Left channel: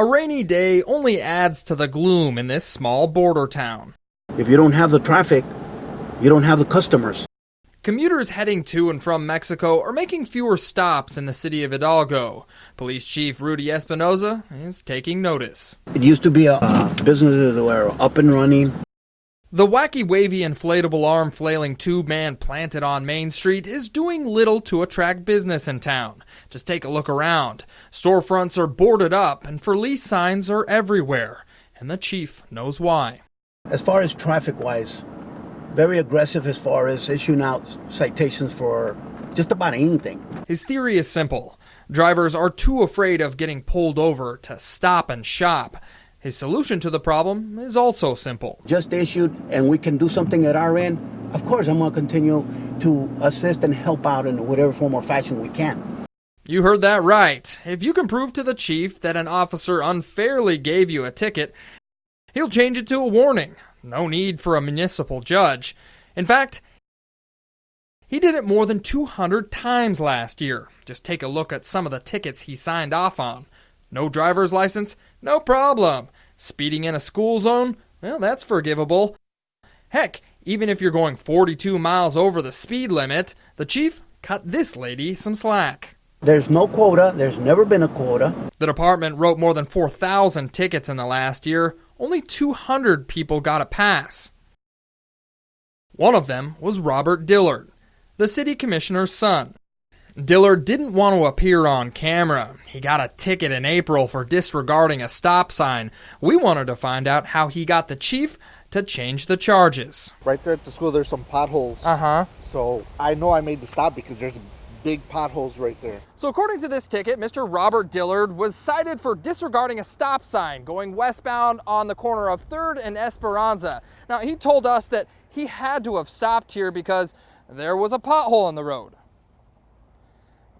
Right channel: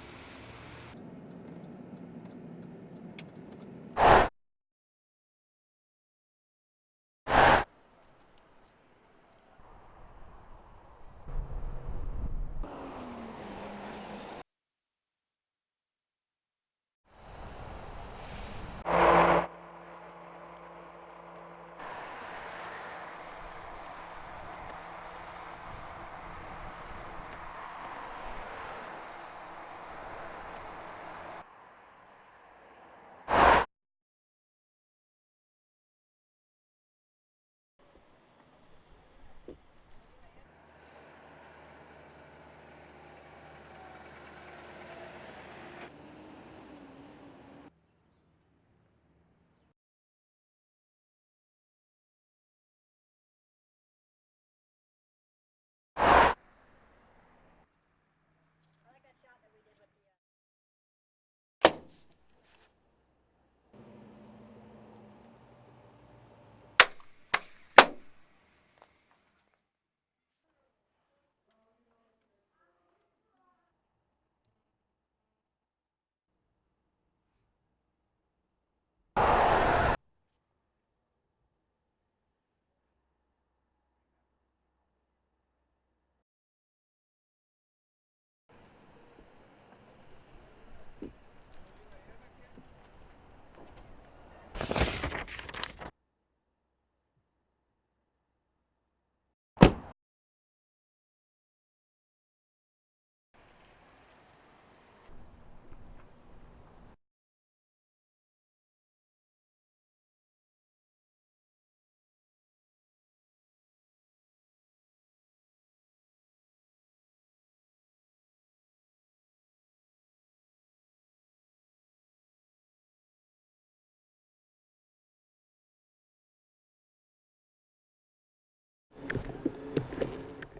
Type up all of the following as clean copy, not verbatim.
A rainy day only adds to the gloom in this small border town. If you don't have the traffic, you don't have the customers. Commuters heading to and from Mexico are making fewer stops in the city of Hidalgo. Police Chief Rudy Espinoza is taking notice. It used to be businesses that were up and running. The wacky, wavy, inflatable arm flailing tube man planted on Main Street is doing little to attract business in town. Just take a look around. Storefronts are boarded up and for lease signs are everywhere. And the chief knows why. As far as traffic-wise, very aggressive as far as issuing out citations for just about anything. His theory is simple. Drivers are too afraid of getting pulled over to stop and shop. His solution to the problem is also simple. Just issued, and we can do something at our end. Of course, I'm going to continue to assist and help out in whatever form or fashion we can. You heard that right. If you can prove to the chief that an officer unfairly gave you a ticket, he'll change it to a warning. No need for a municipal judge. In fact, he did it more than 200 times last year. Just take a look at some of the tickets he signed off on. No driver's license? No problem. Speeding in a school zone? Well, that's forgivable. Heck, even if you're going 42 miles over the speed limit, the chief cut this lady some slack. There's no quota. There's never been a quota. The department wrote more than 4,000 tickets in the last year. Only 200 people got a pass. One of them was Robert Dillard, the city commissioner's son. Dillard didn't want to appear on camera. He got a ticket in April for disregarding a stop sign. We wanted to find out how he got the chief to change the charges. Right there at the school, there's some potholes. So I know I made the stop because there's big potholes right there. So according to this ticket, Mr. Robert Dillard was cited for disregarding a stop sign going westbound on the corner of 3rd and Esperanza. Now, he told us that he had to have stopped here because there was a pothole in the road.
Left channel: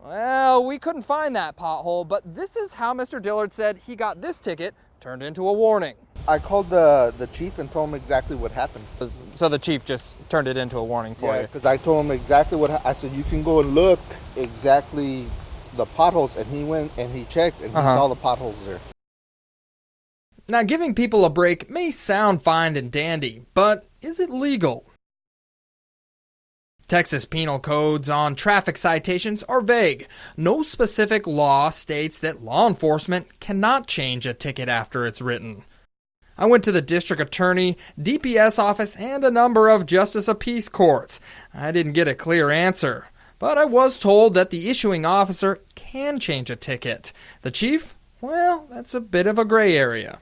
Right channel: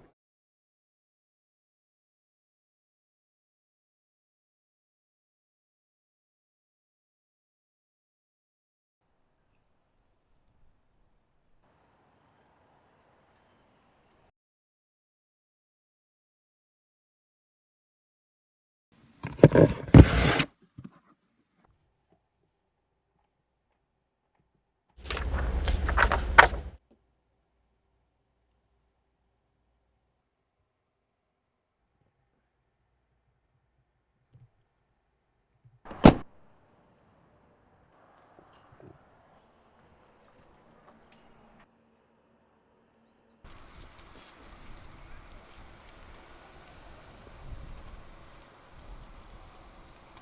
Well, we couldn't find that pothole, but this is how Mr. Dillard said he got this ticket turned into a warning. I called the chief and told him exactly what happened. So the chief just turned it into a warning for you? Yeah, because I told him exactly I said, you can go and look exactly the potholes, and he went and he checked and he saw the potholes there. Now, giving people a break may sound fine and dandy, but is it legal? Texas penal codes on traffic citations are vague. No specific law states that law enforcement cannot change a ticket after it's written. I went to the district attorney, DPS office, and a number of justice of peace courts. I didn't get a clear answer, but I was told that the issuing officer can change a ticket. The chief? Well, that's a bit of a gray area.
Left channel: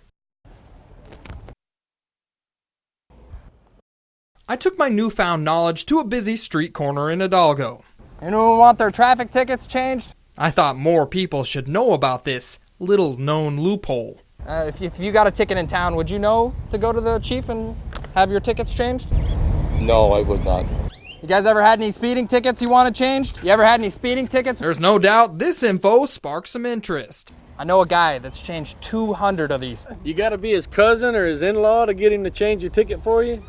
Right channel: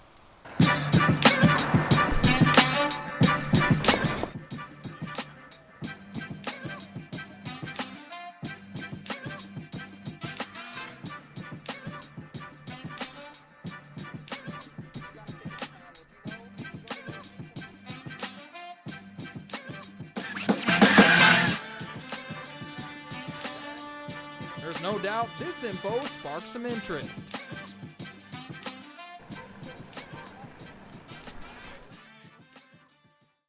I took my newfound knowledge to a busy street corner in Hidalgo. Anyone want their traffic tickets changed? I thought more people should know about this little-known loophole. If you got a ticket in town, would you know to go to the chief and have your tickets changed? No, I would not. You guys ever had any speeding tickets you wanted changed? You ever had any speeding tickets? There's no doubt this info sparked some interest. I know a guy that's changed 200 of these. You gotta be his cousin or his in-law to get him to change your ticket for you?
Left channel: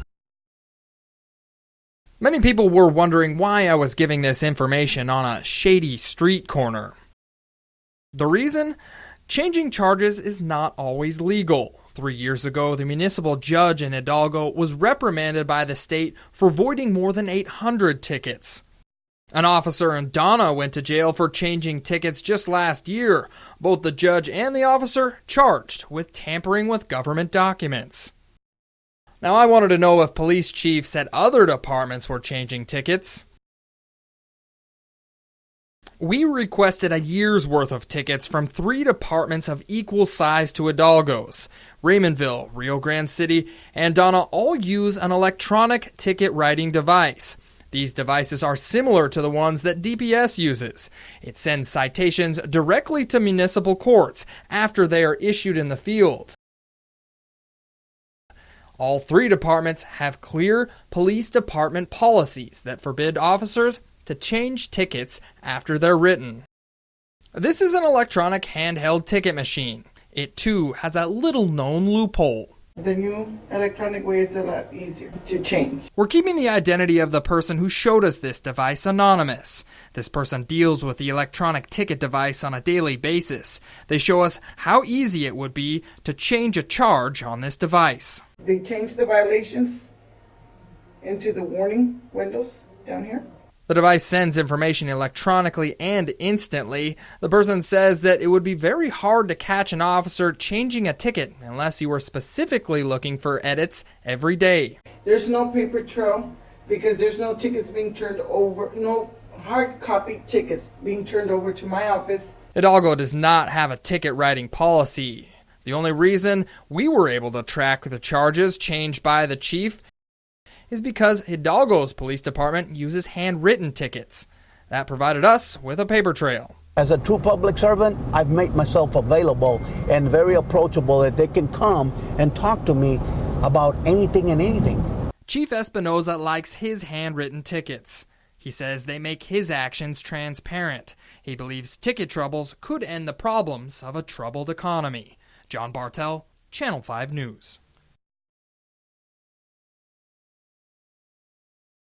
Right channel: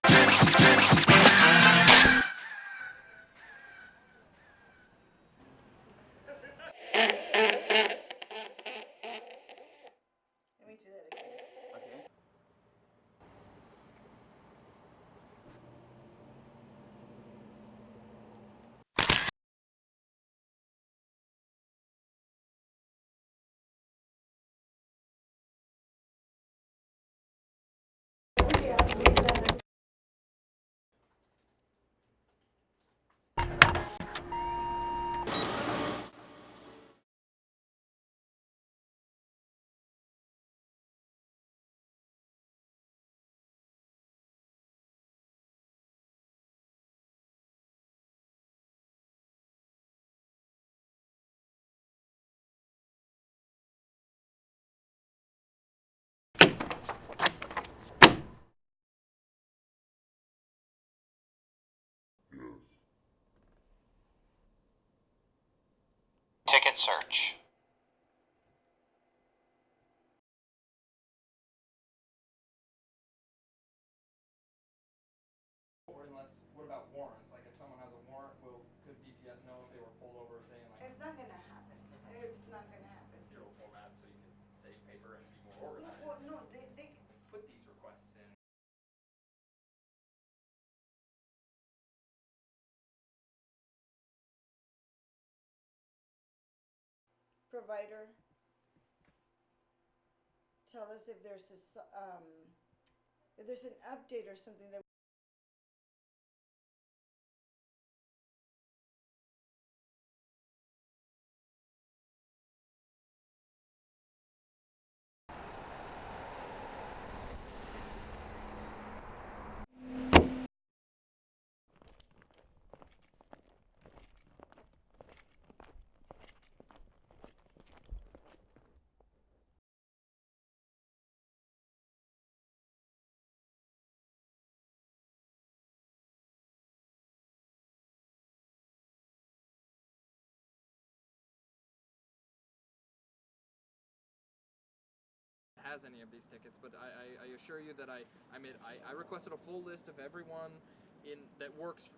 Many people were wondering why I was giving this information on a shady street corner. The reason? Changing charges is not always legal. 3 years ago, the municipal judge in Hidalgo was reprimanded by the state for voiding more than 800 tickets. An officer in Donna went to jail for changing tickets just last year. Both the judge and the officer charged with tampering with government documents. Now, I wanted to know if police chiefs at other departments were changing tickets. We requested a year's worth of tickets from 3 departments of equal size to Hidalgo's. Raymondville, Rio Grande City, and Donna all use an electronic ticket writing device. These devices are similar to the ones that DPS uses. It sends citations directly to municipal courts after they are issued in the field. All 3 departments have clear police department policies that forbid officers to change tickets after they're written. Ticket search. This is an electronic handheld ticket machine. It too has a little-known loophole. The new electronic way, it's a lot easier to change. We're keeping the identity of the person who showed us this device anonymous. This person deals with the electronic ticket device on a daily basis. They show us how easy it would be to change a charge on this device. They changed the violations into the warning windows down here. The device sends information electronically and instantly. The person says that it would be very hard to catch an officer changing a ticket unless you were specifically looking for edits every day. There's no paper trail because there's no tickets being turned over, no hard copy tickets being turned over to my office. Hidalgo does not have a ticket writing policy. The only reason we were able to track the charges changed by the chief is because Hidalgo's police department uses handwritten tickets. That provided us with a paper trail. As a true public servant, I've made myself available and very approachable that they can come and talk to me about anything and anything. Chief Espinoza likes his handwritten tickets. He says they make his actions transparent. He believes ticket troubles could end the problems of a troubled economy. John Bartel, Channel 5 News. I requested a full list of everyone that works